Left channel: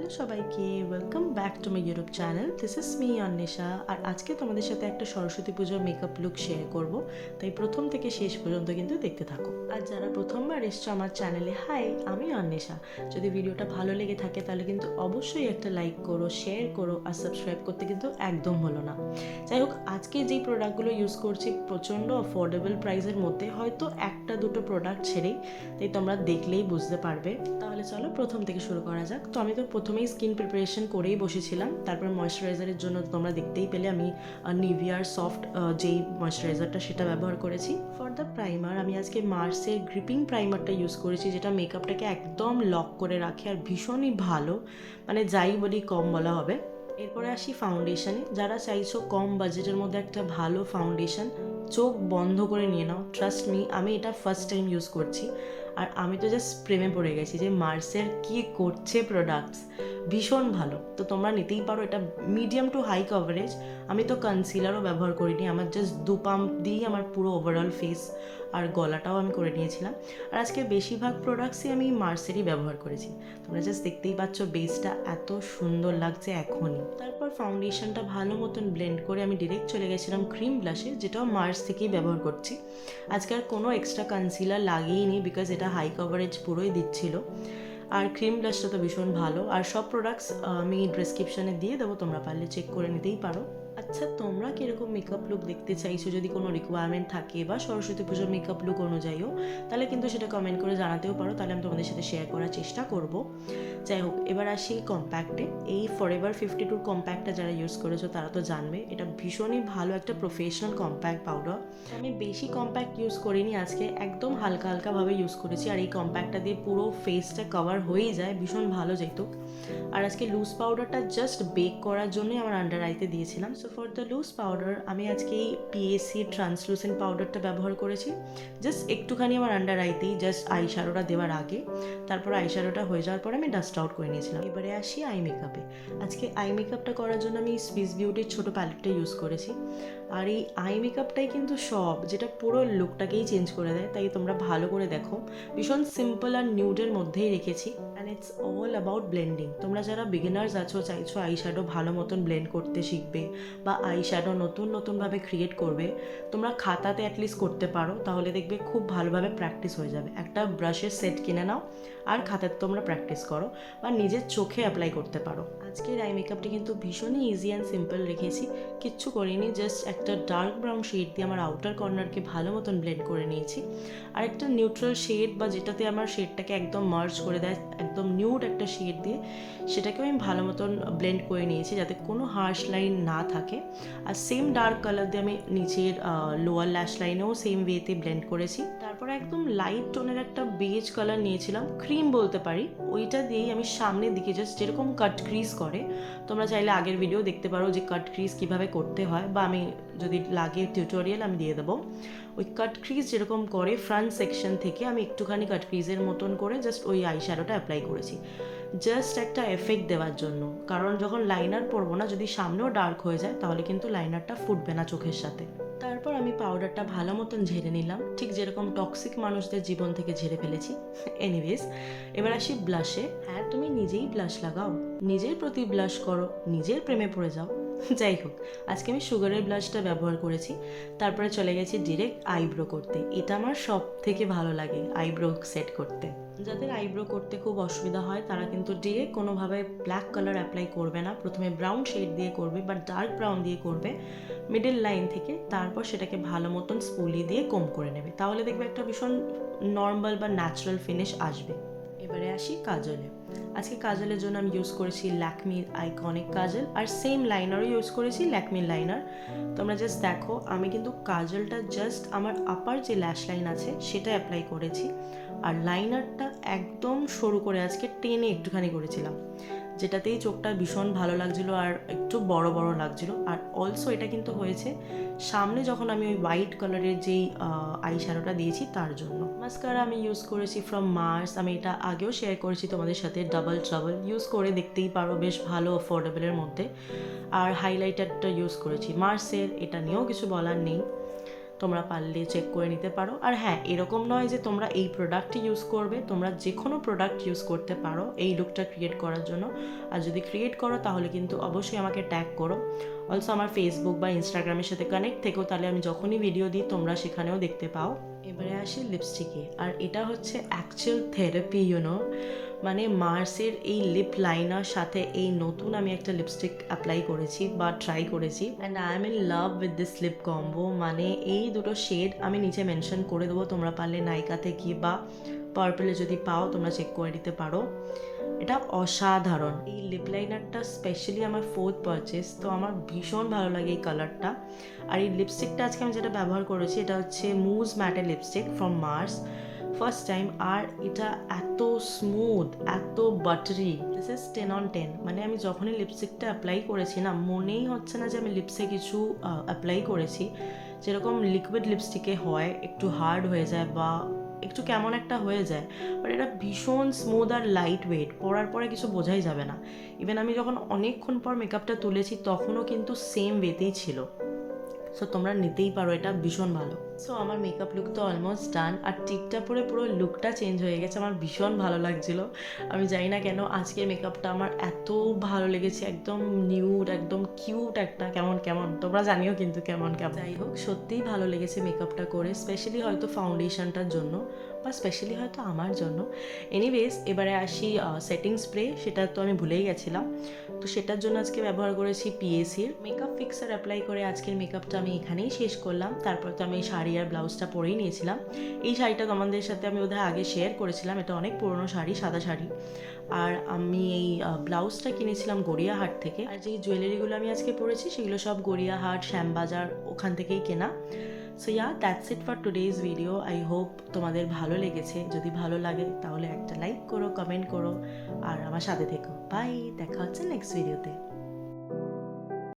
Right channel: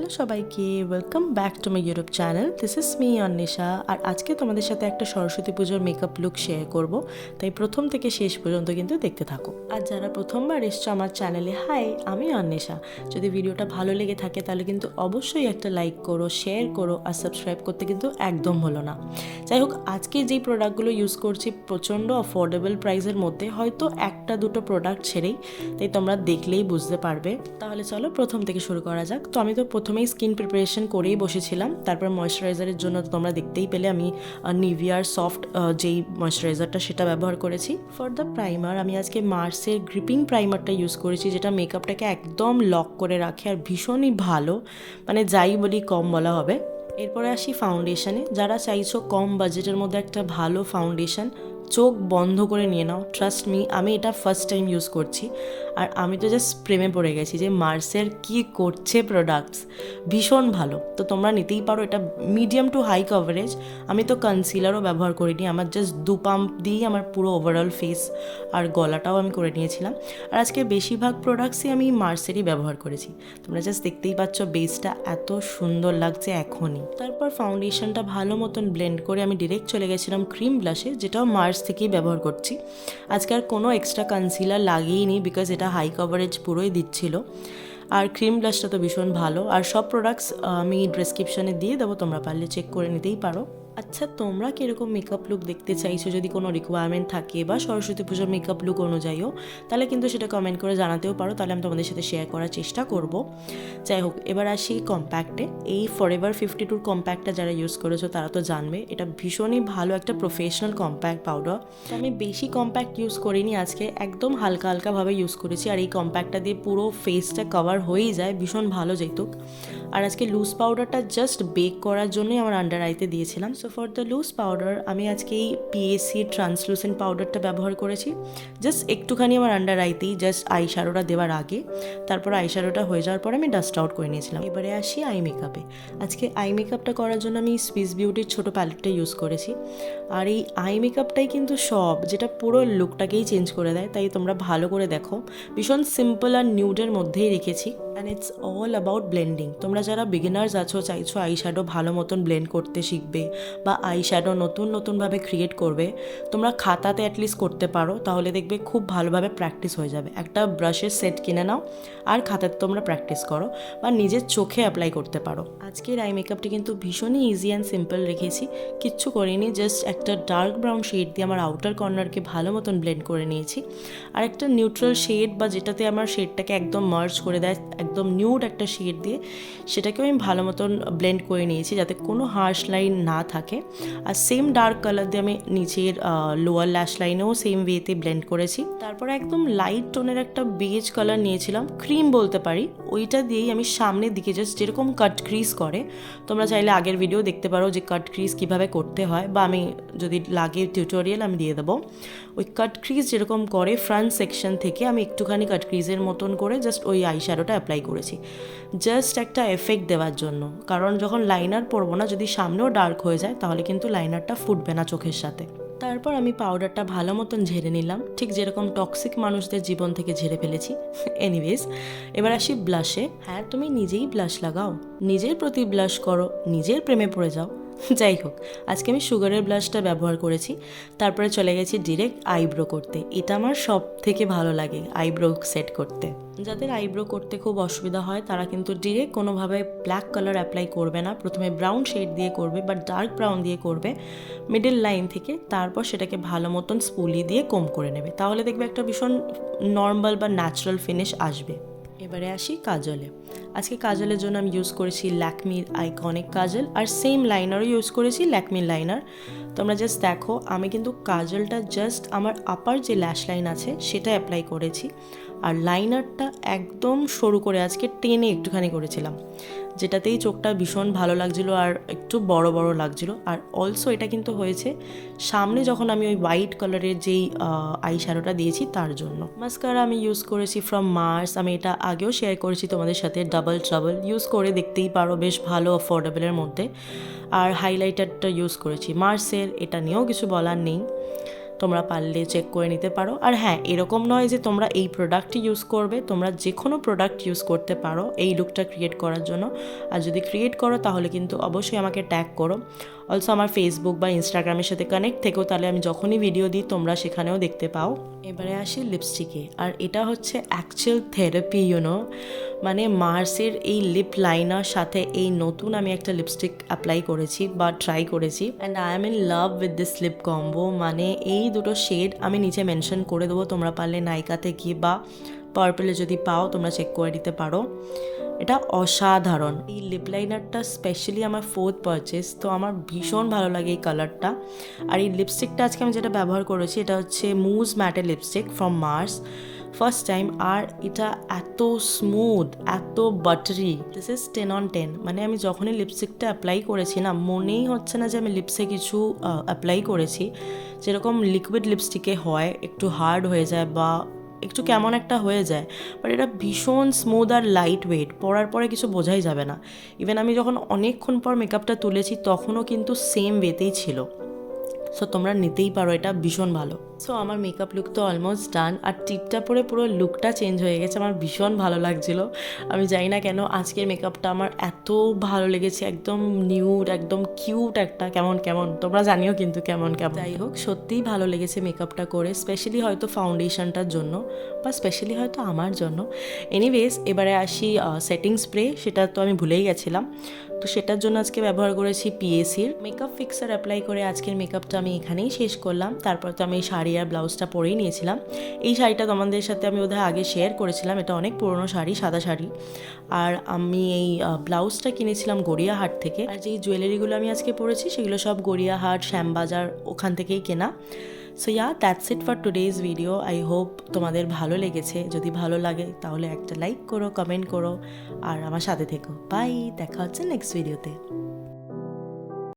Hello সবাইকে, welcome back to my YouTube channel. This is me Anwesha. আর আজকে তোমাদের সাথে একটা সরস্বতী পুজোর মেকআপ লুক শেয়ার করব, তাই প্রথম থেকে শেষ পর্যন্ত কিন্তু দেখতে থাকো। আর যারা প্রথমবার এসছো আমার চ্যানেলে, হাই, আমি অন্বেষা। যদি ভিডিওটা ভালো লেগে থাকে তাহলে কিন্তু অবশ্যই একটা লাইক করো, শেয়ার করো, আর সাবস্ক্রাইব করতে কিন্তু একদম হলো না। যাই হোক, আজকে যেই প্রোডাক্টগুলো ইউজ করছি প্রচণ্ড অফোর্ডেবল প্রাইসের মধ্যে, হয়তো একটা দুটো প্রোডাক্ট ছেড়েই, তাই তোমরা দেখলেই বুঝতে পারবে। তাহলে চলো প্রথম থেকে শুরু করা যাক। তো আমি তো প্রথমেই স্কিন প্রিপারেশন করেই বসেছিলাম। তারপর ময়শ্চারাইজারের জন্য তোমরা দেখতেই পেলে আমি নিভিয়ার সফট যেই ময়শ্চারাইজারটা সেটা ব্যবহার করেছি। ফর দ্য প্রাইমার আমি আজকে মার্সের গ্রিপিং প্রাইমারটা ইউজ করেছি, যেটা মেকআপটাকে একদম লক করে রাখে আর ভীষণই ভালো, মানে যাই বলি কম বলা হবে। এরপরে আসি ফাউন্ডেশনে। যারা চাইছো কম বাজেটের মধ্যে একটা ভালো ফাউন্ডেশন, চোখ বন্ধ করে নিয়ে নাও। ট্রাস্ট মি, আমি এটা ফার্স্ট টাইম ইউজ করছি আর আমি তো জাস্ট প্রেমে পড়ে গেছি যে মার্সের কি করছে প্রোডাক্টস, ভীষণ ভালো। তো তোমরা নিতেই পারো, এটা মিডিয়াম টু হাই কভারেজ। আমি তো কনসিলারও ব্যবহার করিনি, আমার জাস্ট 2 পাম্প দিয়েই আমার পুরো ওভারঅল ফেস আর গলাটাও আমি করে নিয়েছিলাম। আর আজকে বেশিরভাগ প্রোডাক্টসই আমি মার্সেরই ব্যবহার করেছি। তোমরা জাস্ট দেখতেই পাচ্ছ বেসটা এত সুন্দর লাগছে এখনই। তারপর ফাউন্ডেশনটা ভালো মতন ব্লেন্ড করে আমি ডিরেক্ট চলে গেছিলাম ক্রিম ব্লাশে, যেটাও মার্স থেকেই ব্যবহার করছি। আজকে আর কোনো এক্সট্রা কনসিলার লাগিয়েইনি, বিকজ এটা হাই কভারেজ পুরোই দিচ্ছিল। আর ক্রিম ব্লাশটা তো ভীষণ ভালো। আর সব প্রোডাক্টস আমি ডেসক্রিপশানে দিয়ে দেবো, তোমরা পারলে চেক করে নিতেই পারো। আচ্ছা, তোমরা কীরকম মেকআপ লুক দেখতে চাইছো, যদি কোনো রিকোয়ারমেন্ট থাকে বা সরস্বতী পুজোর মেকআপ লুক অনুযায়ীও, তাহলে কিন্তু সেটা কমেন্ট করে জানাতেও পারো, তাহলে আমি তোমাদের সাথে শেয়ার করার চেষ্টা করব। যাই হোক, এবার আসি কম্প্যাক্টে। এই ফরএভার 52 কম্প্যাক্টটা যারা ইউজ করেছো তারা তো জানবে, এটা ভীষণই ভালো একটা প্রফেশনাল কম্প্যাক্ট পাউডার। আমি বেশি কম্প্যাক্ট ইউজ করিনি আজকে, একদম হালকা হালকাভাবে ইউজ করেছি। আর এই কম্প্যাক্টটা দিয়ে পুরো ফেসটা কভার হয়েই যায়, ভীষণ ভালো যেতুক। আর আজকে লুজ পাউডারটা জাস্ট বেক করার জন্যই আমার আন্ডার আইতে দিয়েছিলাম। So for the loose powder আমি আজকে এই পিএসসি ট্রান্সলুসেন্ট পাউডারটা ব্যবহার করেছি, জাস্ট একটুখানি আমার আন্ডার আইতেই, জাস্ট আই শ্যাডোটা দেওয়ার আগে। তারপর আই শ্যাডোটা হয়ে যাওয়ার পর আমি ডাস্ট আউট করে নিয়েছিলাম। এবারে আসি আই মেকআপে। আজকে আই মেকআপটা করার জন্য আমি সুইস বিউটির ছোটো প্যালেটটা ইউজ করেছি। আর এই আই মেকআপটাই কিন্তু সব, যেটা পুরো লুকটাকেই চেঞ্জ করে দেয়, তাই তোমরা ভালো করে দেখো। ভীষণ সিম্পল আর নিউডের মধ্যেই রেখেছি। And it's all about blending. তোমরা যারা বিগিনার্স আছো, চাইছো আই শ্যাডো ভালো মতন ব্লেন্ড করতে শিখবে বা আই শ্যাডো নতুনভাবে ক্রিয়েট করবে, তোমরা খাতাতে অ্যাটলিস্ট করতে পারো, তাহলে দেখবে খুব ভালোভাবে প্র্যাকটিস হয়ে যাবে। একটা ব্রাশের সেট কিনে নাও আর খাতাতে তোমরা প্র্যাকটিস করো বা নিজের চোখে অ্যাপ্লাই করতে পারো। আজকের আই মেকআপটি কিন্তু ভীষণই ইজি অ্যান্ড সিম্পল রেখেছি, কিচ্ছু করিনি। জাস্ট একটা ডার্ক ব্রাউন শেড দিয়ে আমার আউটার কর্নারকে ভালো মতন ব্লেন্ড করে নিয়েছি। আর একটা নিউট্রাল শেড বা যেটাতে আমার শেডটাকে একদম মার্জ করে দেয়, একদম নিউড একটা শেড দিয়ে সেটাকেও আমি ভালো মতন ব্লেন্ড করে নিয়েছি, যাতে কোনো হার্শ লাইন না থাকে। আর সেম ডার্ক কালার দিয়ে আমি নিচের লোয়ার ল্যাশ লাইনেও সেম ওয়েতে ব্লেন্ড করেছি। তারপরে একদম লাইট টোনের একটা বেজ কালার নিয়েছিলাম, ক্রিম বলতে পারি, ওইটা দিয়েই আমি সামনের দিকে জাস্ট যেরকম কাট ক্রিজ করে, তোমরা চাইলে আগের ভিডিও দেখতে পারো যে কাট ক্রিজ কীভাবে করতে হয়, বা আমি যদি লাগে টিউটোরিয়াল আমি দিয়ে দেবো। ওই কাট ক্রিজ যেরকম করে ফ্রন্ট সেকশন থেকে আমি একটুখানি কাট ক্রিজের মতন করে জাস্ট ওই আই শ্যাডোটা অ্যাপ্লাই করেছি, জাস্ট একটা এফেক্ট দেওয়ার জন্য। কারণ যখন লাইনার পরবো না, যদি সামনেও ডার্ক হয়ে যায় তাহলে কিন্তু লাইনারটা ফুটবে না চোখের সাথে। তারপর আমি পাউডারটা ভালো মতন ঝেড়ে নিলাম, ঠিক যেরকম টক্সিক মানুষদের জীবন থেকে ঝেড়ে ফেলেছি। এনিওয়েজ, এবার আসি ব্লাশে। হ্যাঁ, তুমি নিজেই ব্লাশ লাগাও, নিজের প্রতি ব্লাশ করো, নিজের প্রেমে পড়ে যাও। যাই হোক, আজকে আমি সুগারের ব্লাশটা ব্যবহার করেছি। তারপরে চলে গেছি ডিরেক্ট আইব্রো করতে। এটা আমার সব থেকে ভালো লাগে, আইব্রো সেট করতে। যাদের আইব্রো করতে খুব অসুবিধা হয় তারা কিন্তু ডিরেক্ট কোনোভাবে ব্ল্যাক কালার অ্যাপ্লাই করবে না, প্রথমে ব্রাউন শেড দিয়ে করবে বা ডার্ক ব্রাউন দিয়ে করবে মিডল লাইন থেকে। তারপর সেটাকে ভালো মতন স্পুলি দিয়ে কোম করে নেবে, তাহলে দেখবে একটা ভীষণ নর্মাল বা ন্যাচারাল ফিনিশ আসবে। এবারে আসি কাজলে। আজকে কাজলের জন্য আমি ইউজ করেছি ল্যাকমির আইকনিক কাজল, আর সেম লাইনারও ইউজ করেছি ল্যাকমির লাইনার। তোমরা জাস্ট দেখো, আমি কিন্তু কাজলটা জাস্ট আমার আপার যে ল্যাশ লাইন আছে সেটা অ্যাপ্লাই করেছি, আর লাইনারটা একদম সরু করে আজকে টেনে একটুখানি করেছিলাম, যেটাতেই চোখটা ভীষণ ভালো লাগছিলো আর একটু বড় বড় লাগছিলো। আর অলসো এটা কিন্তু হয়েছে সামনে যখন আমি ওই হোয়াইট কালারের যেই আই শ্যাডোটা দিয়েছি তার জন্য। মাস্কারা আমি ইউজ করেছি ফ্রম মার্স, আমি এটা আগেও শেয়ার করেছি তোমাদের সাথে, ডাবল ট্রাবল, ইউজ করে দেখতেই পারো, বেশ ভালো অ্যাফোর্ডেবলের মধ্যে। আর হাইলাইটারটা ইউজ করেছি মার্সের, এটা নিয়েও কিছু বলার নেই। তোমরা পারলে চেক করে নিতে পারো। আর হ্যাঁ, এরকম নয় যে তোমরা এই প্রোডাক্টই ইউজ করবে, তোমরা যে কোনো প্রোডাক্ট ইউজ করতে পারো এই লুকটা ক্রিয়েট করার জন্য। আর যদি ক্রিয়েট করো তাহলে কিন্তু অবশ্যই আমাকে ট্যাগ করো। অলসো আমার ফেসবুক বা ইনস্টাগ্রামের সাথে কানেক্ট থেকেও, তাহলে আমি যখনই ভিডিও দিই তোমরা সেখানেও দেখতে পাও। এবারে আসি লিপস্টিকে, আর এটা হচ্ছে অ্যাকচুয়াল থেরাপি মানে মার্সের এই লিপ লাইনার সাথে এই নতুন আমি একটা লিপস্টিক অ্যাপ্লাই করেছি বা ট্রাই করেছি, and I am in love with this lip combo. মানে এই দুটো শেড আমি নিচে মেনশন করে দেবো, তোমরা পারলে নাইকাতে গিয়ে বা পার্পলে যদি পাও তোমরা চেক করে দিতে পারো। এটা অসাধারণ। এই লিপ লাইনারটা স্পেশালি আমার 4th পারচেস, তো আমার ভীষণ ভালো লাগে এই কালারটা। আর এই লিপস্টিকটা আজকে আমি যেটা ব্যবহার করেছি এটা হচ্ছে mousse matte lipstick from Mars, first time. আর এটা এত স্মুথ, এত বাটারি, দিস ইজ 10 on 10। মানে আমি যখনই লিপস্টিকটা অ্যাপ্লাই করেছি না, মনেই হচ্ছে না যে আমি লিপসে কিছু অ্যাপ্লাই করেছি। যেরকম লিকুইড লিপস্টিকে হয় একটু হার্ড হয়ে যায় বা একটু কেমন একটা হয়ে যায়, বাট এটা ভীষণ স্মুথ আর লাইট ওয়েট, পরার পরে কিছু বোঝাই যাবে না। ইভেন আমি যখন অনেকক্ষণ পর মেকআপটা তুলেছি তখনও কিন্তু সেম ওয়েতেই ছিল। সো তোমরা নিতেই পারো, এটা ভীষণ ভালো। সো আমার মেকআপ লুক তো অলমোস্ট ডান, আর টিপটা পরে পুরো লুকটা চেঞ্জ হয়ে গেছে, আমার ভীষণ ভালো লাগছিলো। আমি জানি না কেন আজকের মেকআপটা আমার এত ভালো লেগেছে, একদম নিউড, একদম কিউট একটা কেমন তোমরা জানিও কিন্তু কেমন। যাই হোক, সত্যিই ভালো লেগেছে মেকআপটা করে, স্পেশালি হয়তো ফাউন্ডেশনটার জন্য বা স্পেশালি হয়তো আমার জন্য। এনিওয়েজ, এবারে আসি সেটিং স্প্রে, সেটা তো আমি ভুলেই গেছিলাম। তো সেটার জন্য আজকে ব্যবহার করেছি পিএসির মেকআপ ফিক্সার অ্যাপ্লাই করে আজকের মেকআপটা আমি এখানেই শেষ করলাম। তারপর তো আমি এই শাড়ি আর ব্লাউজটা পরেই নিয়েছিলাম। এই শাড়িটা তোমাদের সাথে আমি বোধহয় আগে শেয়ার করেছিলাম, এটা অনেক পুরনো শাড়ি, সাদা শাড়ি। আর আমি এই ব্লাউজটা কিনেছিলাম গড়িয়াহাট থেকে। আর যেই জুয়েলারিগুলো আমি আজকে পরেছি সেগুলো সব গড়িয়াহাট, শ্যামবাজার ওখান থেকেই কেনা। So that's it for today's video. I hope তোমাদের ভালো লেগেছে। যদি ভালো লাগে তাহলে একটা লাইক করো, কমেন্ট করো আর আমার সাথে থেকো। বাই, দেখা হচ্ছে নেক্সট ভিডিওতে।